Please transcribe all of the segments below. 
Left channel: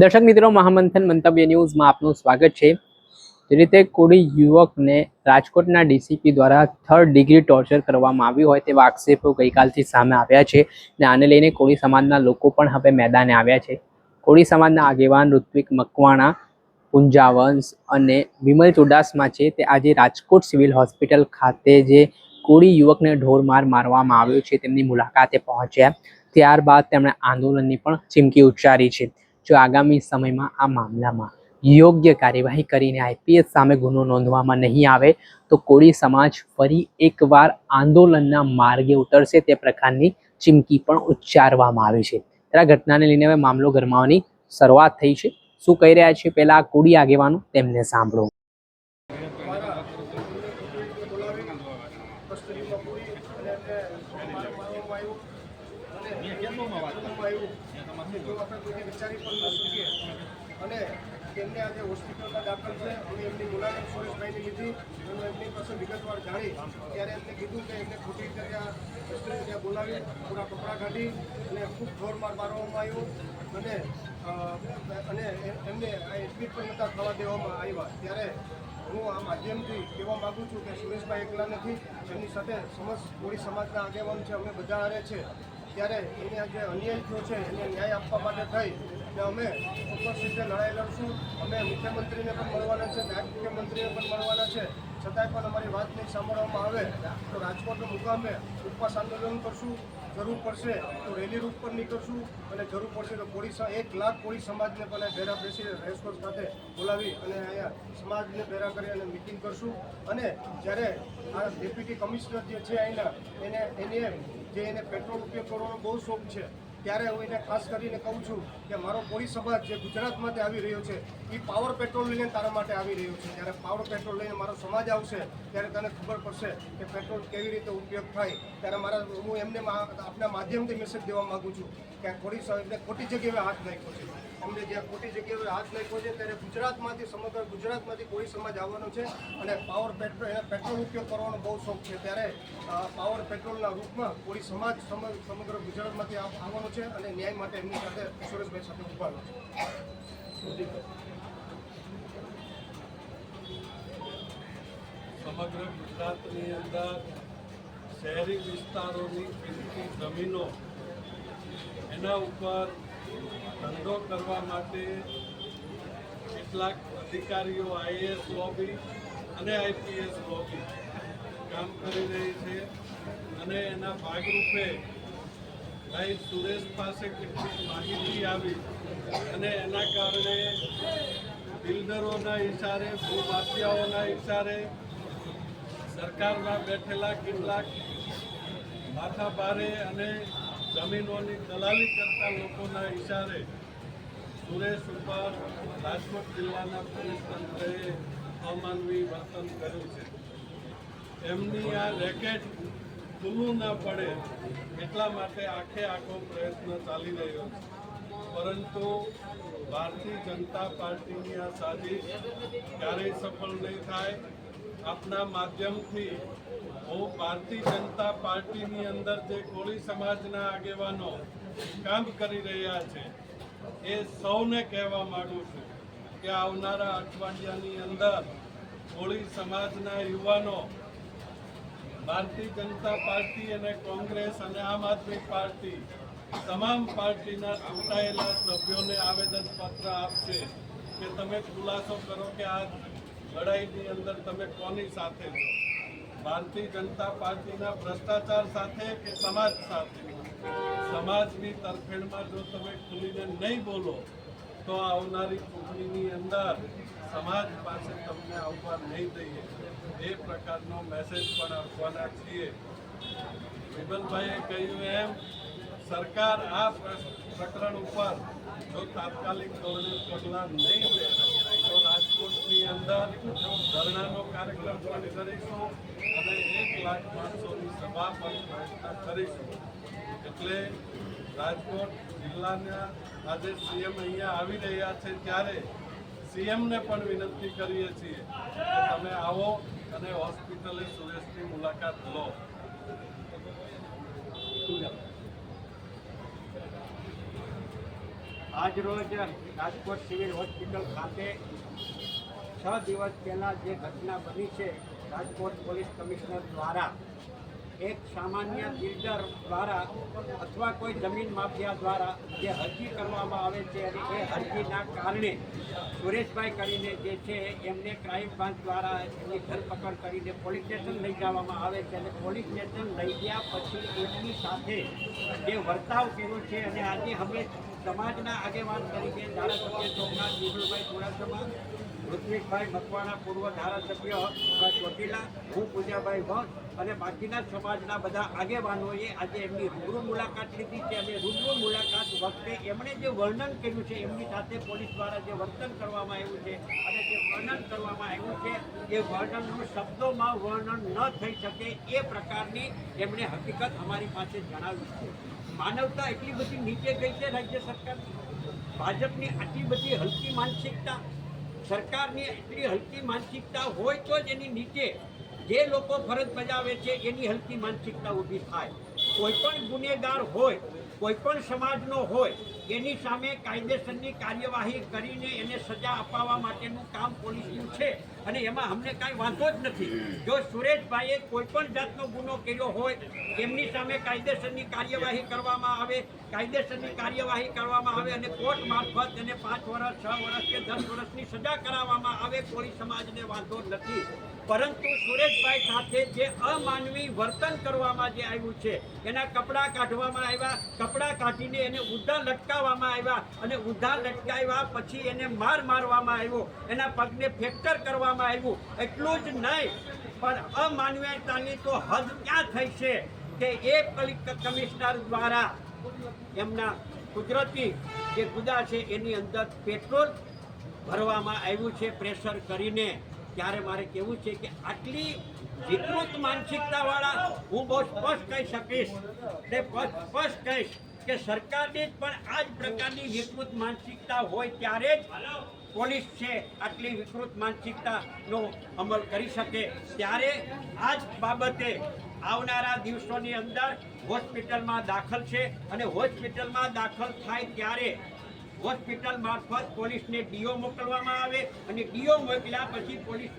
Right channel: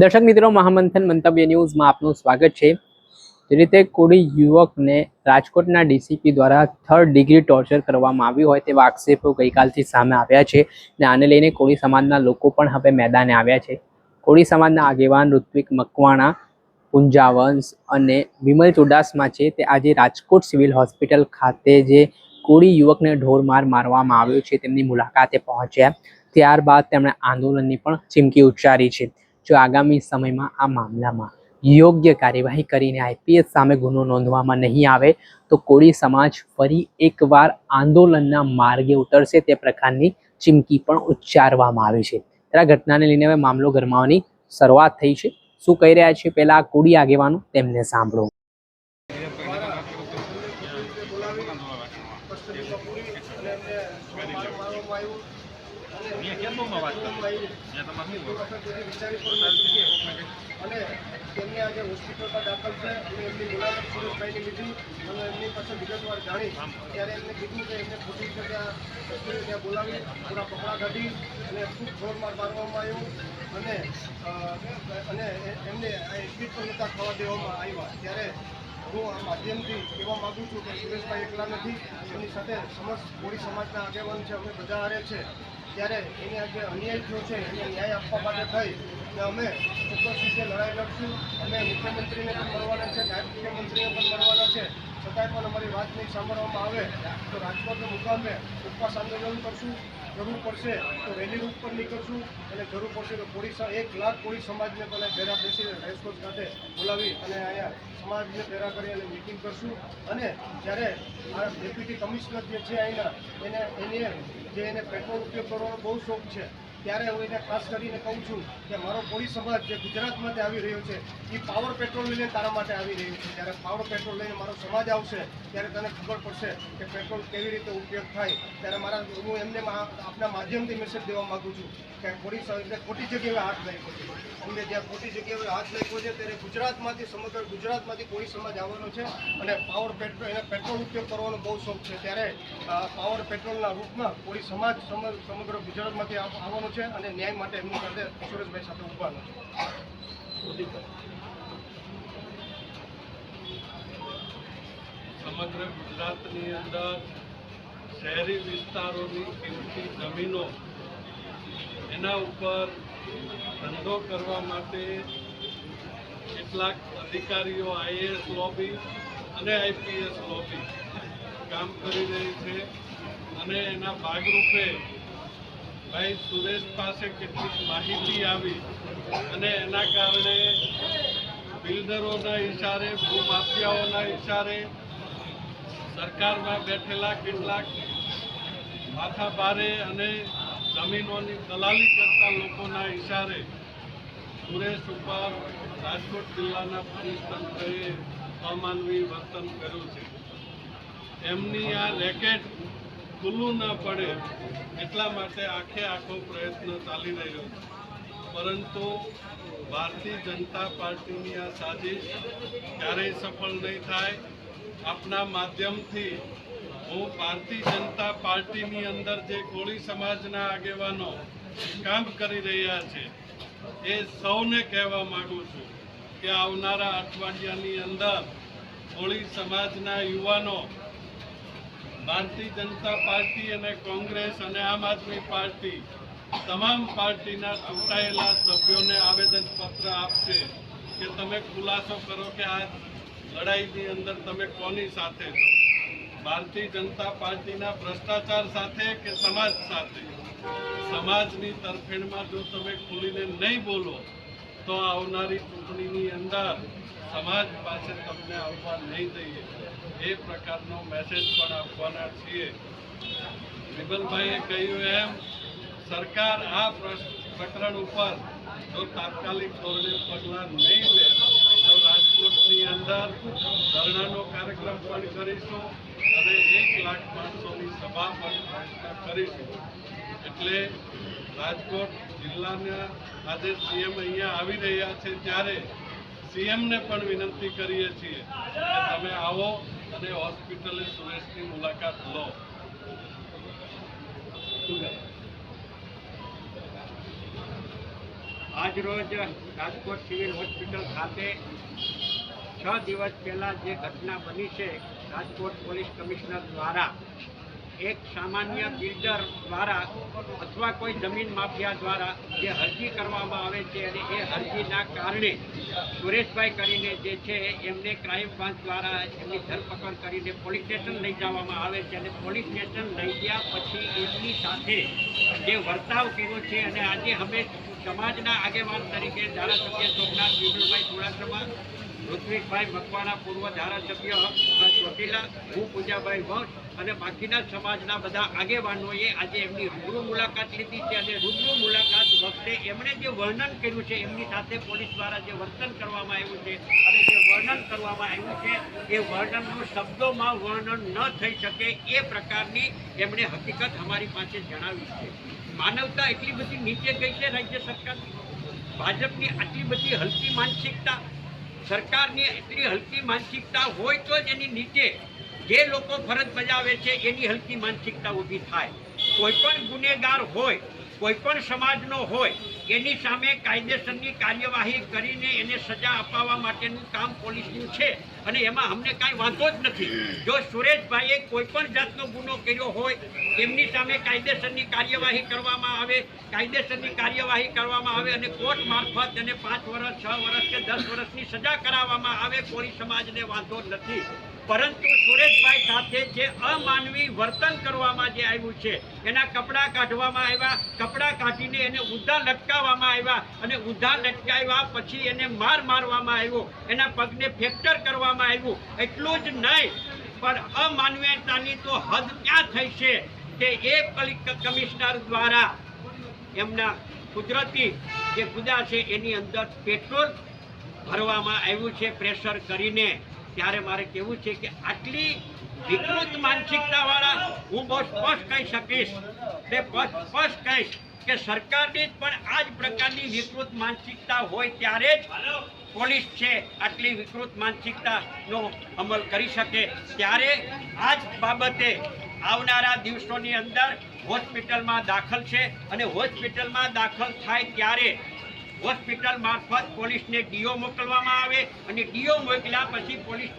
દર્શક મિત્રો, મહામંથન મંતવ્ય ન્યૂઝમાં આપનું સ્વાગત છે। જે રીતે કોળી યુવકને રાજકોટના ડીસીપી દ્વારા 3rd ડિગ્રી ટોર્ચર કરવામાં આવ્યું હોય તેવા આક્ષેપો ગઈકાલથી સામે આવ્યા છે અને આને લઈને કોળી સમાજના લોકો પણ હવે મેદાને આવ્યા છે। કોળી સમાજના આગેવાન ઋત્વિક મકવાણા, પુંજાવંશ અને વિમલ ચુડાસમા છે તે આજે રાજકોટ સિવિલ હોસ્પિટલ ખાતે જે કોળી યુવકને ઢોરમાર મારવામાં આવ્યો છે તેમની મુલાકાતે પહોંચ્યા। ત્યારબાદ તેમણે આંદોલનની પણ ચીમકી ઉચ્ચારી છે। જો આગામી સમયમાં આ મામલામાં યોગ્ય કાર્યવાહી કરીને આઈપીએસ સામે ગુનો નોંધવામાં નહીં આવે તો કોળી સમાજ ફરી એકવાર આંદોલનના માર્ગે ઉતરશે તે પ્રકારની ચીમકી પણ ઉચ્ચારવામાં આવી છે। ત્યારે આ ઘટનાને લઈને હવે મામલો ગરમાવાની શરૂઆત થઈ છે। શું કહી રહ્યા છે પહેલા કોળી આગેવાનો તેમને સાંભળો। અને તેમને આજે હોસ્પિટલમાં દાખલ છે અને એમની મુલાકાત સુરેશભાઈની લીધી અને એમની પાસે વિગતવાર જાણી ત્યારે એમને કીધું કે એમને ખોટી રીતે ત્યાં બોલાવી થોડા કપડાં કાઢી અને ખૂબ જોરમાર મારવામાં આવ્યું અને એમને એડમિટ પણ નહોતા થવા દેવામાં આવ્યા। ત્યારે હું આ માધ્યમથી કહેવા માગું છું કે સુરેશભાઈ એકલા નથી, એમની સાથે સમસ્ત કોળી સમાજના આગેવાન છે, અમે બધા હારે છે। ત્યારે એને આજે અન્યાય થયો છે એને ન્યાય આપવા માટે થઈ ને અમે ચોક્કસ રીતે લડાઈ લડશું। અમે મુખ્યમંત્રીને પણ મળવાના છે, નાયબ મુખ્યમંત્રીને પણ મળવાના છે, છતાંય પણ અમારી વાત નહીં સાંભળવામાં આવે તો રાજકોટના મુકામે ઉપવાસ આંદોલન કરશું। જરૂર પડશે તો રેલી રૂટ પર નીકળશું અને જરૂર પડશે તો 1 લાખ કોળી સમાજને પહેલાં ભેરા બેસીને રેસકોર્સ માટે બોલાવી અને અહીંયા સમાજને ભેરા કરી અને મિટિંગ કરશું। અને જ્યારે આ ડેપ્યુટી કમિશનર જે છે અહીંના એને પેટ્રોલ ઉપયોગ કરવાનો બહુ શોખ છે, ત્યારે હું એને ખાસ કરીને કહું છું કે મારો કોળી સમાજ જે ગુજરાતમાંથી આવી રહ્યો છે એ પાવર પેટ્રોલ લઈને તારા માટે આવી રહ્યો છે। જ્યારે પાવર પેટ્રોલ લઈને મારો સમાજ આવશે ત્યારે તને ખબર પડશે કે પેટ્રોલ કેવી રીતે ઉપયોગ થાય। ત્યારે હું એમને આપના માધ્યમથી મેસેજ દેવા માગું છું કે ખોટી જગ્યાએ હાથ નાખ્યો છે, અમને જ્યાં ખોટી જગ્યાએ હાથ નાખ્યો છે ત્યારે સમગ્ર ગુજરાતમાંથી કોળી સમાજ આવવાનો છે અને પેટ્રોલ ઉપયોગ કરવાનો બહુ શોખ છે। ત્યારે પાવર પેટ્રોલના રૂપમાં કોળી સમાજ સમગ્ર ગુજરાતમાંથી આવવાનો છે અને ન્યાય માટે એમની સાથે સુરેશભાઈ સાથે ઉભાનો છે। સમગ્ર ગુજરાતની અંદર શહેરી વિસ્તારોની કિંમતી જમીનો એના ઉપર ધંધો કરવા માટે કેટલાક અધિકારીઓ આઈએએસ લોબી અને આઈપીએસ લોબી કામ કરી રહી છે અને એના ભાગરૂપે ભાઈ સુરેશ પાસે કેટલીક માહિતી આવી અને એના કારણે બિલ્ડરોના ઇશારે, ભૂમાફિયાઓના ઇશારે, સરકારમાં બેઠેલા કેટલાક માથાભારે અને જમીનોની દલાલી કરતા લોકોના ઇશારે સુરેશ ઉપર રાજકોટ જિલ્લાના પોલીસ તંત્રએ અમાનવી વર્તન કર્યું છે। એમની આ રેકેટ ખુલ્લું ન પડે એટલા માટે આખો પ્રયત્ન ચાલી રહ્યો છે, પરંતુ ભારતીય જનતા પાર્ટીની આ સાજિશ ક્યારેય સફળ નહીં થાય। આપના માધ્યમથી હું ભારતીય જનતા પાર્ટીની અંદર જે કોળી સમાજના આગેવાનો કામ કરી રહ્યા છે એ સૌને કહેવા માગું છું કે આવનારા અઠવાડિયાની અંદર કોળી સમાજના યુવાનો ભારતીય જનતા પાર્ટી અને કોંગ્રેસ અને આમ આદમી પાર્ટી તમામ પાર્ટીના ચૂંટાયેલા સભ્યોને આવેદનપત્ર આપશે કે તમે ખુલાસો કરો કે આ લડાઈની અંદર તમે કોની સાથે છો, ભારતીય જનતા પાર્ટીના ભ્રષ્ટાચાર સાથે કે સમાજ સાથે। સમાજની તરફેણમાં જો તમે ખુલીને નહીં બોલો તો આવનારી ચૂંટણીની અંદર સમાજ પાસે તમને આવવા નહીં દઈએ એ પ્રકારનો મેસેજ પણ આપવાના છીએ। વિમલભાઈએ કહ્યું એમ સરકાર આ પ્રકરણ ઉપર જો તાત્કાલિક ધોરણે પગલાં નહીં લે તો રાજકોટની અંદર ધરણાનો કાર્યક્રમ પણ કરીશું અને 1 લાખ માણસોની સભા પણ પ્રયત્ન કરીશું। એટલે રાજકોટ જિલ્લાના આજે સીએમ અહીંયા આવી રહ્યા છે ત્યારે સીએમને પણ વિનંતી કરીએ છીએ કે તમે આવો અને હોસ્પિટલે સુરેશની મુલાકાત લો। આજરોજ રાજકોટ સિવિલ હોસ્પિટલ ખાતે 6 દિવસ પહેલાં જે ઘટના બની છે, રાજકોટ પોલીસ કમિશનર દ્વારા એક સામાન્ય બિલ્ડર દ્વારા અથવા કોઈ જમીન માફિયા દ્વારા જે અરજી કરવામાં આવે છે અને એ અરજીના કારણે સુરેશભાઈ કરીને જે છે એમને ક્રાઇમ બ્રાન્ચ દ્વારા એમની ધરપકડ કરીને પોલીસ સ્ટેશન લઈ જવામાં આવે છે અને પોલીસ સ્ટેશન લઈ ગયા પછી એમની સાથે જે વર્તાવ કર્યો છે અને આજે અમે સમાજના આગેવાન તરીકે ધારાસભ્ય સોમનાથ વિપુલભાઈ ચુડાસમા, ઋત્વિકભાઈ મકવાણા, પૂર્વ ધારાસભ્ય ચોટીલા, હું પૂજાભાઈ ભટ્ટ અને બાકીના સમાજના બધા આગેવાનોએ આજે એમની રૂબરૂ મુલાકાત લીધી છે અને રૂબરૂ મુલાકાત વખતે એમણે જે વર્ણન કર્યું છે, એમની સાથે પોલીસ દ્વારા જે વર્તન કરવામાં આવ્યું છે અને જે વર્ણન કરવામાં આવ્યું છે એ વર્ણનનું શબ્દોમાં વર્ણન ન થઈ શકે એ પ્રકારની એમણે હકીકત અમારી પાસે જણાવી છે. માનવતા એટલી બધી નીચે ગઈ છે રાજ્ય સરકારની, ભાજપની આટલી બધી હલકી માનસિકતા, સરકારની એટલી હલકી માનસિકતા હોય તો જ એની નીચે જે લોકો ફરજ બજાવે છે એની હલકી માનસિકતા ઊભી થાય. કોઈ પણ ગુનેગાર હોય, કોઈ પણ સમાજનો હોય, એની સામે કાયદેસરની કાર્યવાહી કરીને એને સજા અપાવવા માટેનું કામ પોલીસનું છે અને એમાં અમને કાંઈ વાંધો જ નથી. જો સુરેશભાઈએ કોઈ પણ જાતનો ગુનો કર્યો હોય એમની સામે કાયદેસરની કાર્યવાહી કરવામાં આવે, કાયદેસરની કાર્યવાહી કરવામાં આવે અને કોર્ટ મારફત એને 5 વર્ષ, 6 વર્ષ કે 10 વર્ષની સજા કરાવવામાં આવે, કોઈ સમાજને વાંધો નથી. પરંતુ સુરેશભાઈ સાથે જે અમાનવી વર્તન કરવામાં જે આવ્યું છે, એના કપડાં કાઢવામાં આવ્યા, કપડાં કાઢીને એને ઊંધા લટકાવવામાં આવ્યા અને ઊંધા લટકાવ્યા પછી એને મારવામાં આવ્યો, એના પગને ફ્રેક્ચર કરવામાં આવ્યું. એટલું જ નહીં પણ અમાનવીયતાની તો હદ ક્યાં થઈ છે કે એ કમિશનર દ્વારા એમના કુદરતી જે ગુદા છે એની અંદર પેટ્રોલ ભરવામાં આવ્યું છે પ્રેશર કરીને. ત્યારે મારે કહેવું છે કે આટલી વિકૃત માનસિકતાવાળા હું બહુ સ્પષ્ટ કહી શકીશ, સ્પષ્ટ કહીશ કે સરકારની જ પણ આ જ પ્રકારની વિકૃત માનસિકતા હોય ત્યારે જ પોલીસ છે આટલી વિકૃત માનસિકતાનો અમલ કરી શકે. ત્યારે આ જ બાબતે આવનારા દિવસોની અંદર હોસ્પિટલમાં દાખલ છે અને હોસ્પિટલમાં દાખલ થાય ત્યારે હોસ્પિટલ મારફત પોલીસને ડીઓ મોકલવામાં આવે અને ડીઓ મોકલ્યા પછી પોલીસ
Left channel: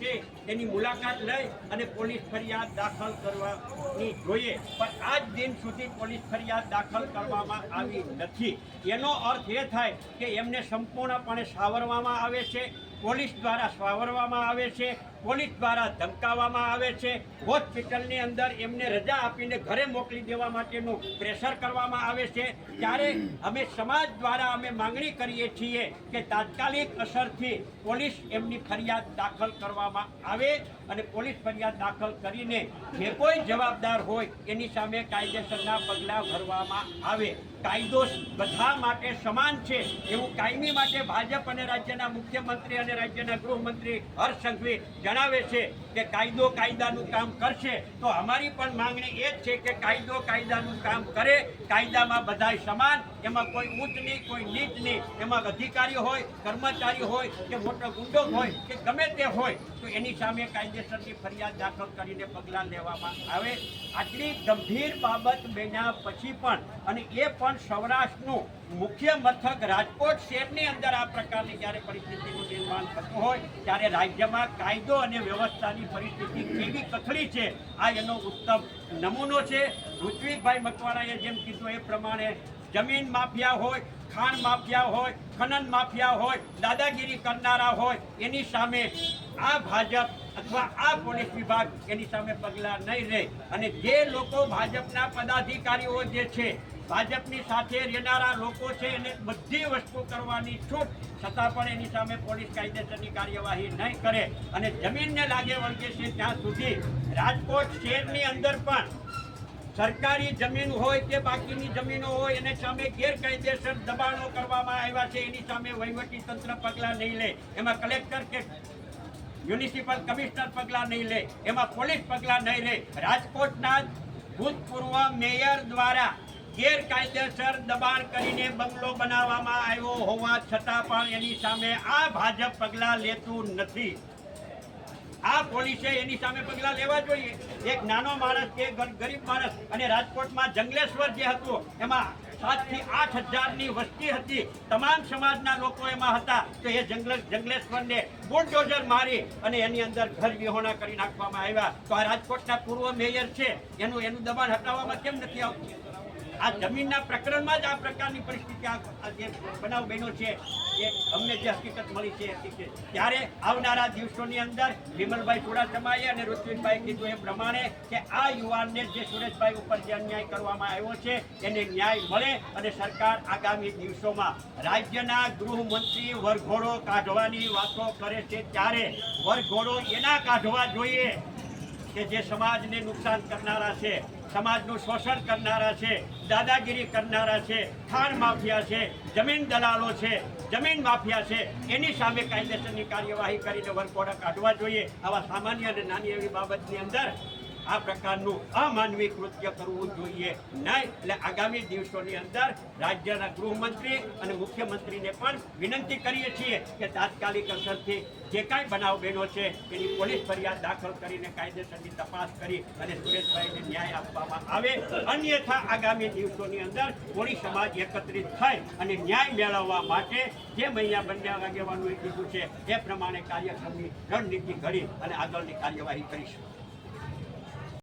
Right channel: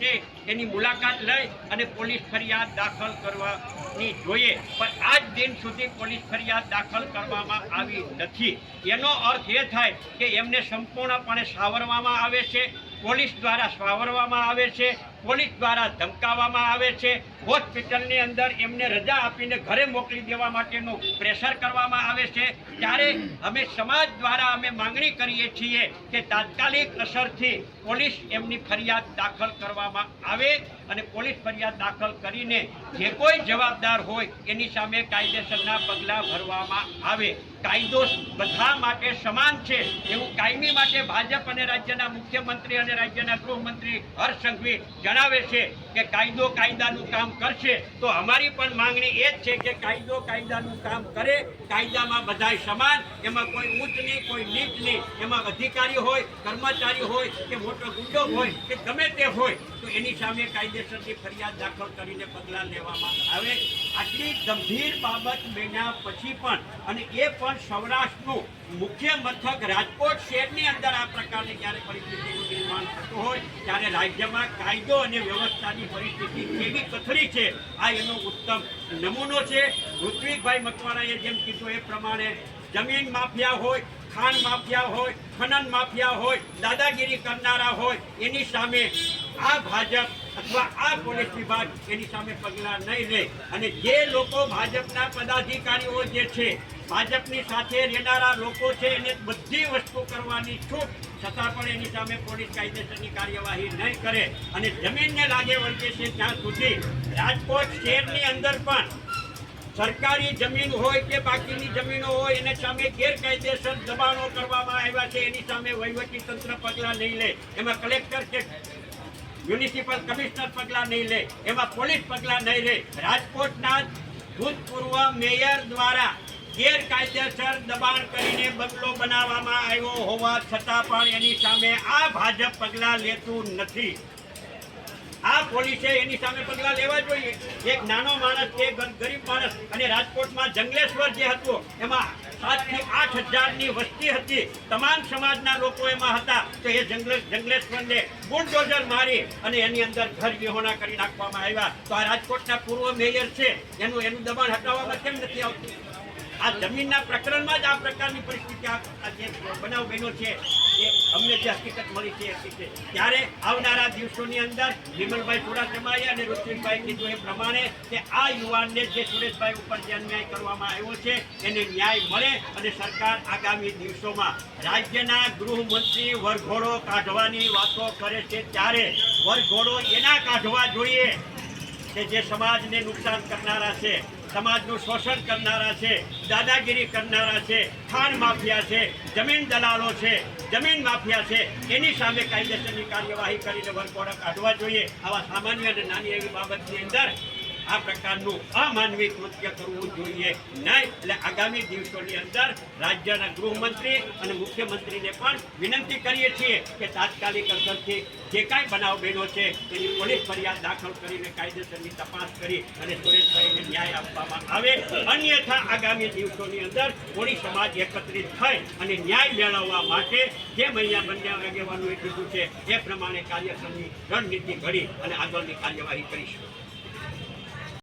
છે એની મુલાકાત લઈ અને પોલીસ ફરિયાદ દાખલ કરવાની જોઈએ. પણ આજ દિન સુધી પોલીસ ફરિયાદ દાખલ કરવામાં આવી નથી. એનો અર્થ એ થાય કે એમને સંપૂર્ણપણે સાવરવામાં આવે છે, પોલીસ દ્વારા સાવરવામાં આવે છે, પોલીસ દ્વારા ધમકાવવામાં આવે છે, હોસ્પિટલની અંદર એમને રજા આપીને ઘરે મોકલી દેવા માટેનું પ્રેશર કરવામાં આવે છે. ત્યારે અમે સમાજ દ્વારા અમે માંગણી કરીએ છીએ કે તાત્કાલિક અસરથી પોલીસ એમની ફરિયાદ દાખલ કરવામાં આવે અને પોલીસ ફરિયાદ દાખલ કરીને જે કોઈ જવાબદાર હોય એની સામે કાયદેસરના પગલાં ભરવામાં આવે. કાયદો બધા માટે સમાન છે એવું કાયમી માટે ભાજપ અને રાજ્યના મુખ્યમંત્રી અને રાજ્યના ગૃહમંત્રી હર્ષ સંઘવી જણાવે છે કે કાયદો કાયદાનું કામ કરશે. તો અમારી પણ માંગણી એ જ છે કે કાયદો કાયદાનું કામ કરે, કાયદામાં બધાય સમાન, એમાં કોઈ ઊંચ નહીં, કોઈ નીચ નહીં, એમાં અધિકારી હોય, કર્મચારી હોય કે મોટો ગુંડો હોય કે ગમે તે હોય તો એની સામે કાયદેસરની ફરિયાદ દાખલ કરીને પગલાં લેવામાં આવે. આટલી ગંભીર બાબત બન્યા પછી પણ અને એ પણ સૌરાષ્ટ્રનું મુખ્ય મથક રાજકોટ શહેરની અંદર આ પ્રકારની જ્યારે પરિસ્થિતિનું નિર્માણ થતું હોય ત્યારે રાજ્યમાં કાયદો અને વ્યવસ્થાની પરિસ્થિતિ કેવી કથળી છે આ એનો ઉત્તમ નમૂનો છે. ઋત્વિકભાઈ મકવાણાએ જેમ કીધું એ પ્રમાણે જમીન માફિયા હોય, ખાણ માફિયા હોય, ખનન માફિયા હોય, દાદાગીરી કરનારા હોય એની સામે આ ભાજપ અથવા આ પોલીસ વિભાગ એની સામે પગલાં નહીં લે અને જે લોકો ભાજપના પદાધિકારીઓ જે છે, ભાજપની સાથે રહેનારા લોકો છે એને બધી વસ્તુ કરવાની છૂટ છતાં પણ એની સામે પોલીસ કાયદેસરની કાર્યવાહી નહીં કરે અને જમીનને લાગે વળગે છે ત્યાં સુધી રાજકોટ શહેરની અંદર પણ સરકારી જમીન હોય કે બાકીની જમીનો હોય એને સામે ગેરકાયદેસર દબાણો કરવામાં આવ્યા છે એની સામે વહીવટી તંત્ર પગલાં નહીં લે, એમાં કલેક્ટર કે મ્યુનિસિપલ કમિશનર પગલાં નહીં લે, એમાં પોલીસ પગલાં નહીં લે. રાજકોટના ભૂતપૂર્વ મેયર દ્વારા ગેરકાયદેસર દબાણ કરીને બંગલો બનાવવામાં આવ્યો હોવા છતાં પણ એની સામે આ ભાજપ પગલાં લેતું નથી. આ પોલીસે એની સામે પગલાં લેવા જોઈએ. એક નાનો માણસ કે ગરીબ માણસ અને રાજકોટમાં જંગલેશ્વર જે હતું એમાં 7 થી 8 હજારની વસ્તી હતી. તમામ સમાજના લોકો એમાં હતા. તો એ જંગલેશ્વરને બુલડોઝર મારી અને એની અંદર ઘર વિહોણા કરી નાખવામાં આવ્યા. તો આ રાજકોટના પૂર્વ મેયર છે એનું દબાણ હટાવવામાં કેમ નથી આવતું? આ જમીનના પ્રકરણમાં જ આ પ્રકારની પરિસ્થિતિ આ જે બનાવ બન્યો છે એ અમને જે હકીકત મળી છે એ હકીકત. ત્યારે આવનારા દિવસોની અંદર વિમલભાઈ ચુડાસમાએ અને ઋત્વિકભાઈ કીધું એ પ્રમાણે કે આ યુવાનને જે સુરેશભાઈ ઉપર જે અન્યાય કરવામાં આવ્યો છે એને ન્યાય મળે અને સરકાર આગામી દિવસોમાં રાજ્યના ગૃહમંત્રી વરઘોડો કાઢવાની વાતો કરે છે ત્યારે વરઘોડો એના કાઢવા જોઈએ કે જે સમાજને નુકસાન કરનારા છે, સમાજનું શોષણ કરનારા છે, દાદાગીરી કરનારા છે, ખાણ માફિયા છે, જમીન દલાલો છે, જમીન માફિયા છે, એની સામે કાયદેસરની કાર્યવાહી કરીને વરઘોડા કાઢવા જોઈએ. આવા સામાન્ય અને નાની એવી બાબતની અંદર આ પ્રકારનું અમાનવી કૃત્ય કરવું જોઈએ નહીં. એટલે આગામી દિવસોની અંદર રાજ્યના ગૃહમંત્રી અને મુખ્યમંત્રીને પણ વિનંતી કરીએ છીએ કે તાત્કાલિક અસરથી જે કાંઈ બનાવ બન્યો છે તેની પોલીસ ફરિયાદ દાખલ કરીને કાયદેસરની તપાસ કરી અને સુરેશભાઈને ન્યાય આપવામાં આવે. અન્યથા આગામી દિવસોની અંદર કોળી સમાજ એકત્રિત થઈ અને ન્યાય મેળવવા માટે જે અહીંયા બંને આગેવાનોએ કીધું છે એ પ્રમાણે કાર્યક્રમની રણનીતિ ઘડી અને આગળની કાર્યવાહી કરીશું.